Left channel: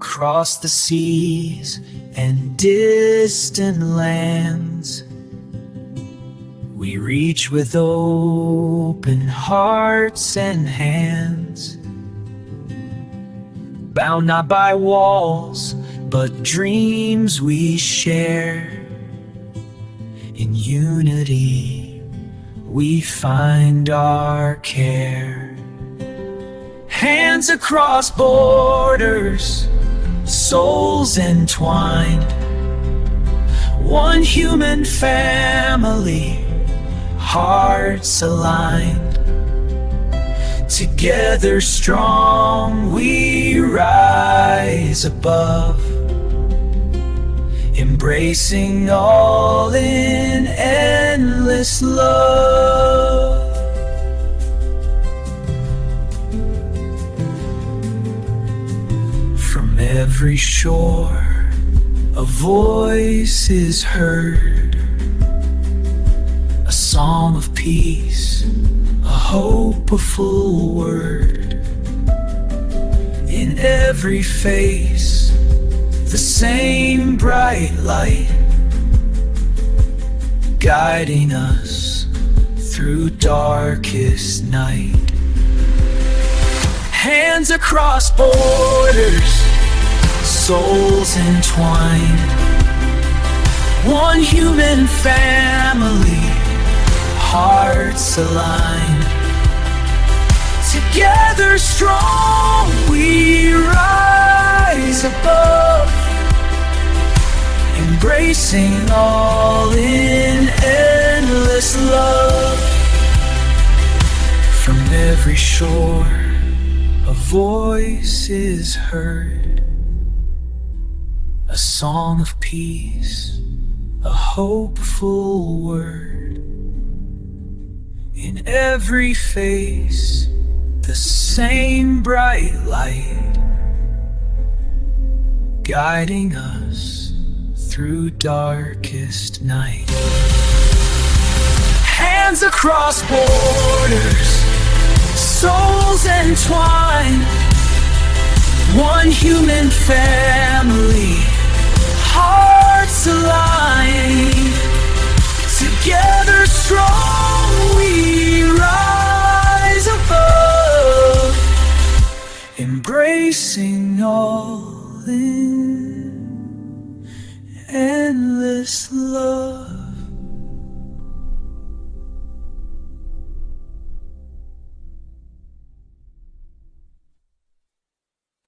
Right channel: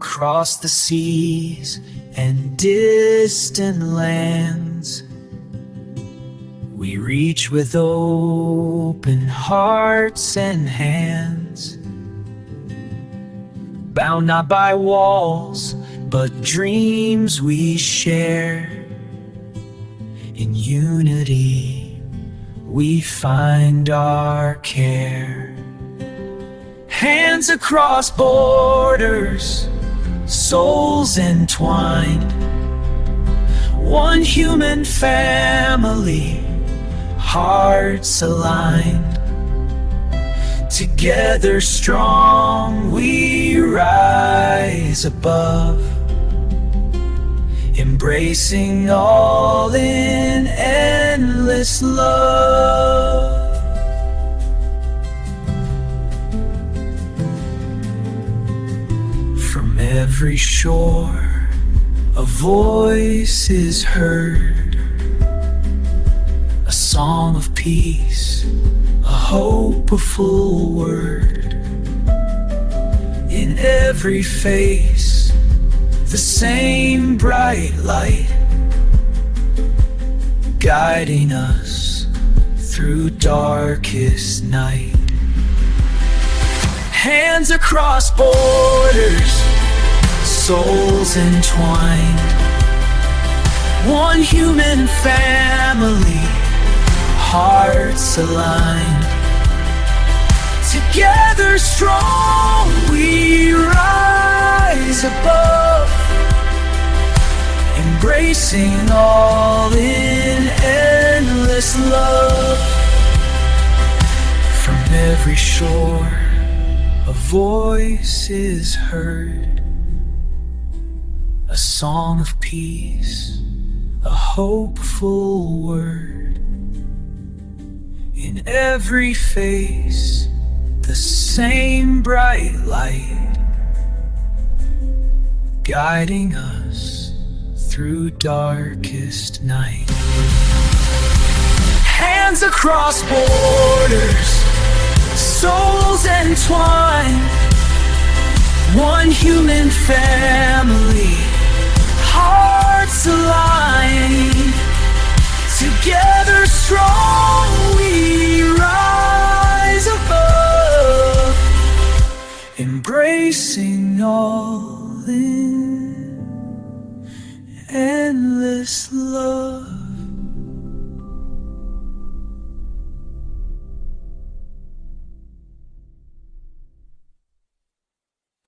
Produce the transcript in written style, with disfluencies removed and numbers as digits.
Across the seas and distant lands, we reach with open hearts and hands, bound not by walls, but dreams we share. In unity, we find our care. Hands across borders, souls entwined, one human family, hearts aligned. Together strong we rise above, embracing all in endless love. From every shore a voice is heard, a song of peace, a hopeful word. In every face the same bright light, guiding us through darkest night. Hands across borders, souls entwined, one human family, hearts aligned. Together strong we rise above, embracing all in endless love. From every shore a voice is heard, a song of peace, a hopeful word. In every face the same bright light, guiding us through darkest night. Hands across borders, souls entwined, one human family, hearts aligned. Together strong we rise above, embracing all in endless love.